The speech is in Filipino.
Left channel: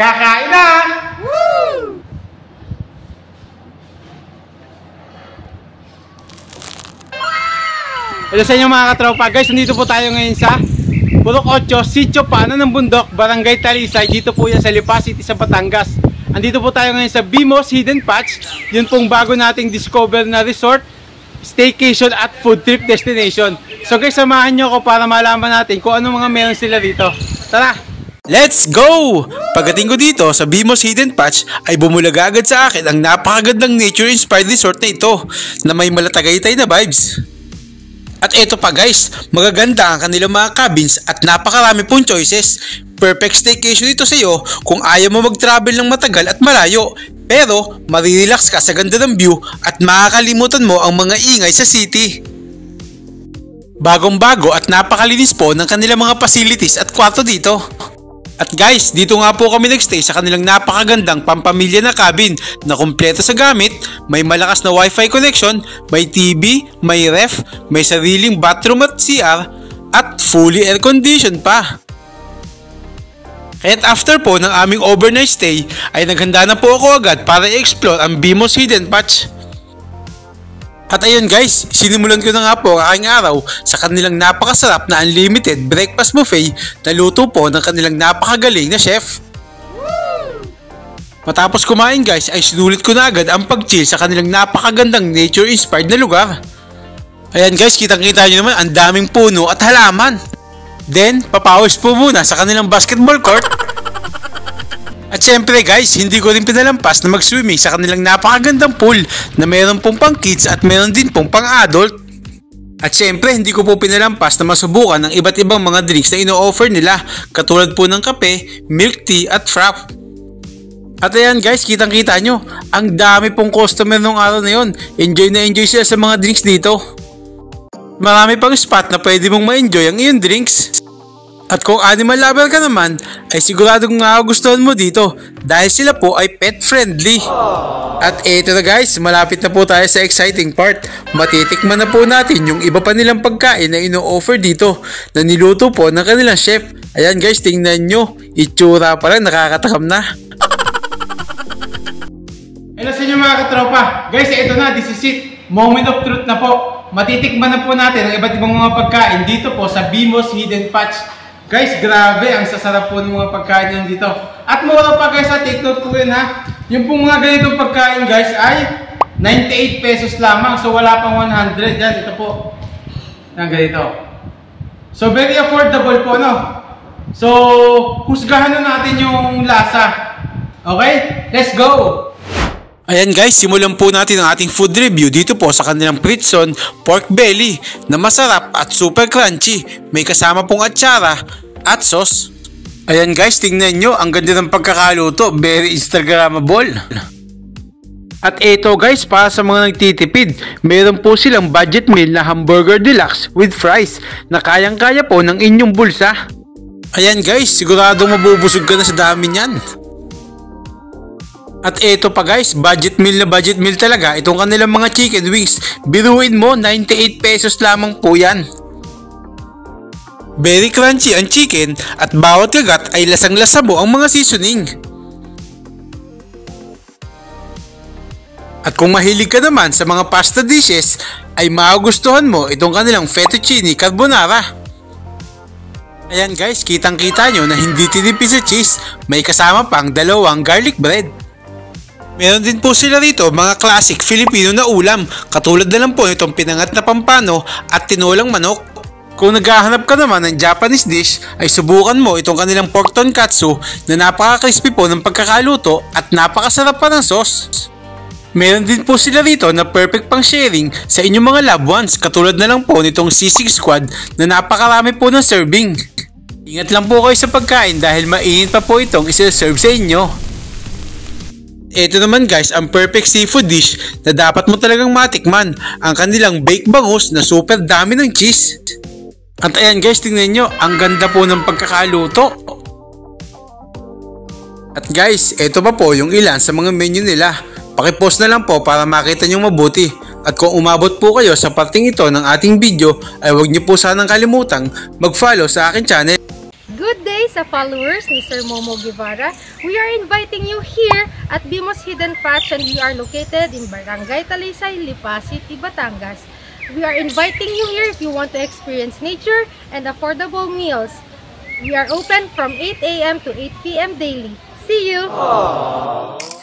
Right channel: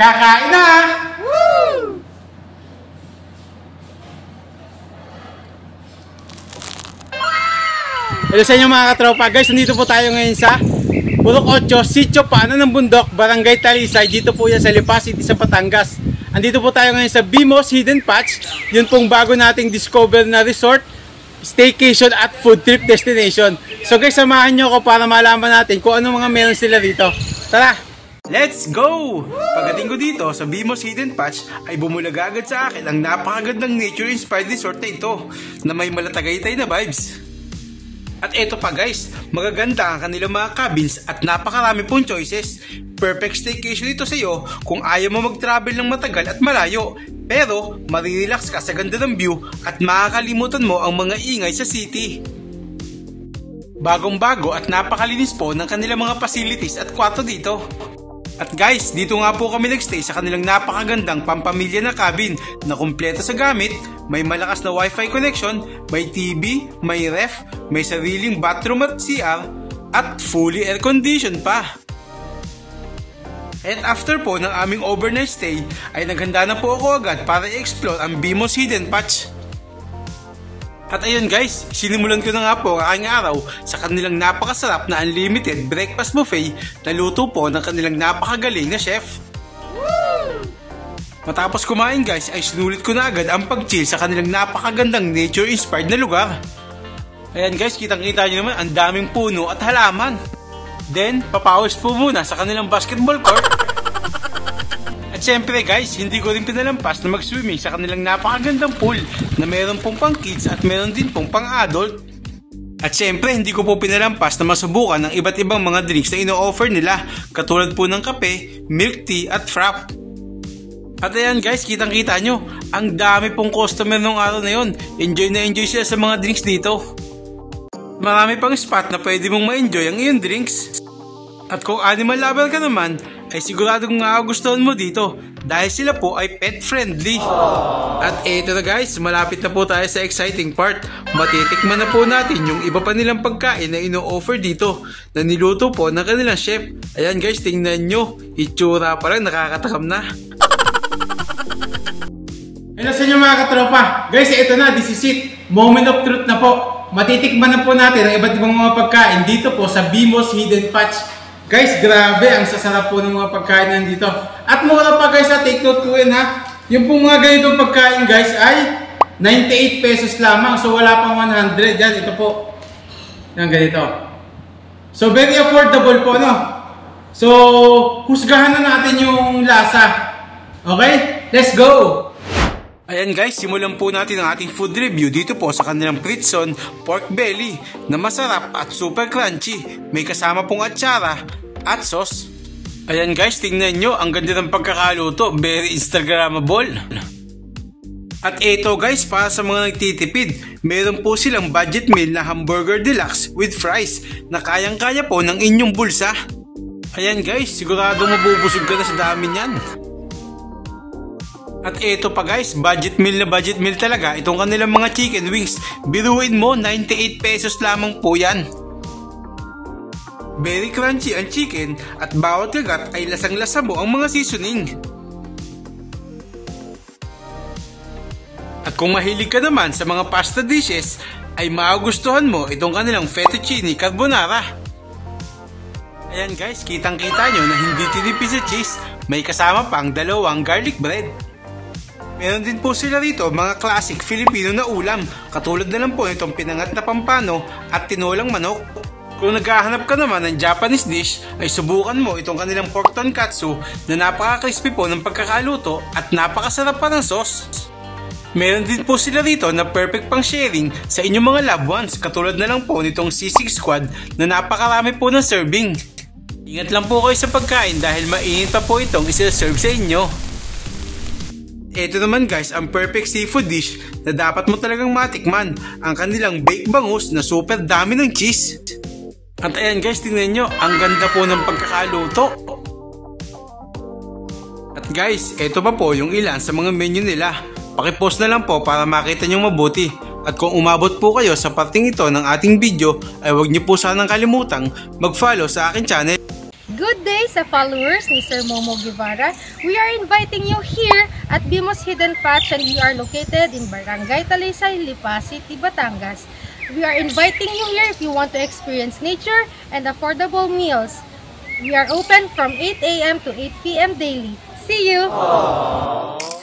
Kakain na! Woo! Hello sa inyo mga katropa. Guys, nandito po tayo ngayon sa Purok 8, Sitio Paanan ng Bundok, Barangay Talisay. Dito po yan sa Lipa City sa Batangas. Andito po tayo ngayon sa Bimos Hidden Patch. Yun pong bago nating discover na resort, staycation at food trip destination. So guys, samahan nyo ako para malaman natin kung ano mga meron sila dito. Tara! Let's go! Pagdating ko dito sa Bimos Hidden Patch ay bumulaga agad sa akin ang napakagandang nature-inspired resort na ito na may malatagaytay na vibes. At eto pa guys, magaganda ang kanilang mga cabins at napakarami pong choices. Perfect staycation ito sa iyo kung ayaw mo mag-travel ng matagal at malayo. Pero marirelax ka sa ganda ng view at makakalimutan mo ang mga ingay sa city. Bagong-bago at napakalinis po ng kanilang mga facilities at kwarto dito. At guys, dito nga po kami nagstay sa kanilang napakagandang pampamilya na cabin na kumpleto sa gamit, may malakas na wifi connection, may TV, may ref, may sariling bathroom at CR, at fully air conditioned pa. At after po ng aming overnight stay, ay naghanda na po ako agad para i-explore ang Bimos Hidden Patch. At ayun guys, sinimulan ko na nga po ang aking araw sa kanilang napakasarap na unlimited breakfast buffet na luto po ng kanilang napakagaling na chef. Matapos kumain guys ay sinulit ko na agad ang pag-chill sa kanilang napakagandang nature-inspired na lugar. Ayan guys, kitang-kita nyo naman ang daming puno at halaman. Then, papawis po muna sa kanilang basketball court. At syempre guys, hindi ko rin pinalampas na mag-swimming sa kanilang napakagandang pool na meron pong pang kids at meron din pong pang adult. At syempre hindi ko po pinalampas na masubukan ng iba't ibang mga drinks na ino-offer nila katulad po ng kape, milk tea at frap. At ayan guys, kitang-kita nyo, ang dami pong customer nung araw na yon. Enjoy na enjoy sila sa mga drinks dito. Marami pang spot na pwede mong ma-enjoy ang iyong drinks. At kung animal lover ka naman, ay siguradong magugustuhan mo dito dahil sila po ay pet friendly. At eto na guys, malapit na po tayo sa exciting part. Matitikman na po natin yung iba pa nilang pagkain na ino-offer dito na niluto po ng kanilang chef. Ayan guys, tingnan nyo, itsura pa lang nakakatakam na. Hello sa inyo mga katropa. Guys, ito na, this is it. Moment of truth na po. Matitikman na po natin ang iba't ibang mga pagkain dito po sa Bimos Hidden Patch. Guys, grabe, ang sasarap po ng mga pagkain nandito. At mura pa guys, take note po yun ha. Yung pong mga ganitong pagkain guys ay 98 pesos lamang. So wala pang 100. Yan, ito po. Yan, ganito. So very affordable po, no? So, husgahan na natin yung lasa. Okay? Let's go! Ayan guys, simulan po natin ang ating food review dito po sa kanilang Pritson pork belly na masarap at super crunchy. May kasama pong atsara at sauce. Ayan guys, tingnan nyo, ang ganda ng pagkakaluto. Very Instagrammable. At eto guys, para sa mga nagtitipid, meron po silang budget meal na hamburger deluxe with fries na kayang-kaya po ng inyong bulsa. Ayan guys, sigurado mabubusog ka na sa dami niyan. At eto pa guys, budget meal talaga itong kanilang mga chicken wings. Biruin mo, 98 pesos lamang po yan. Very crunchy ang chicken at bawat kagat ay lasang-lasa mo ang mga seasoning. At kung mahilig ka naman sa mga pasta dishes, ay magugustuhan mo itong kanilang fettuccine carbonara. Ayan guys, kitang-kita nyo na hindi tinipid sa cheese, may kasama pang dalawang garlic bread. Meron din po sila rito mga classic Filipino na ulam, katulad na lang po nitong pinangat na pampano at tinolang manok. Kung naghahanap ka naman ng Japanese dish, ay subukan mo itong kanilang pork tonkatsu na napaka-crispy po ng pagkakaluto at napakasarap pa ng sauce. Meron din po sila rito na perfect pang sharing sa inyong mga loved ones, katulad na lang po nitong sisig squad na napakarami po ng serving. Ingat lang po kayo sa pagkain dahil mainit pa po itong isi-serve sa inyo. Ito naman guys, ang perfect seafood dish na dapat mo talagang matikman, ang kanilang baked bangus na super dami ng cheese. At ayan guys, tingnan nyo, ang ganda po ng pagkakaluto. At guys, ito pa po yung ilan sa mga menu nila. Pakipost na lang po para makita nyo mabuti. At kung umabot po kayo sa parting ito ng ating video, ay huwag nyo po sanang kalimutang mag-follow sa aking channel. Good day sa followers ni Sir Momo Guevara, we are inviting you here at Bimos Hidden Patch, and we are located in Barangay Talisay, Lipa City, Batangas. We are inviting you here if you want to experience nature and affordable meals. We are open from 8 a.m. to 8 p.m. daily. See you! Aww.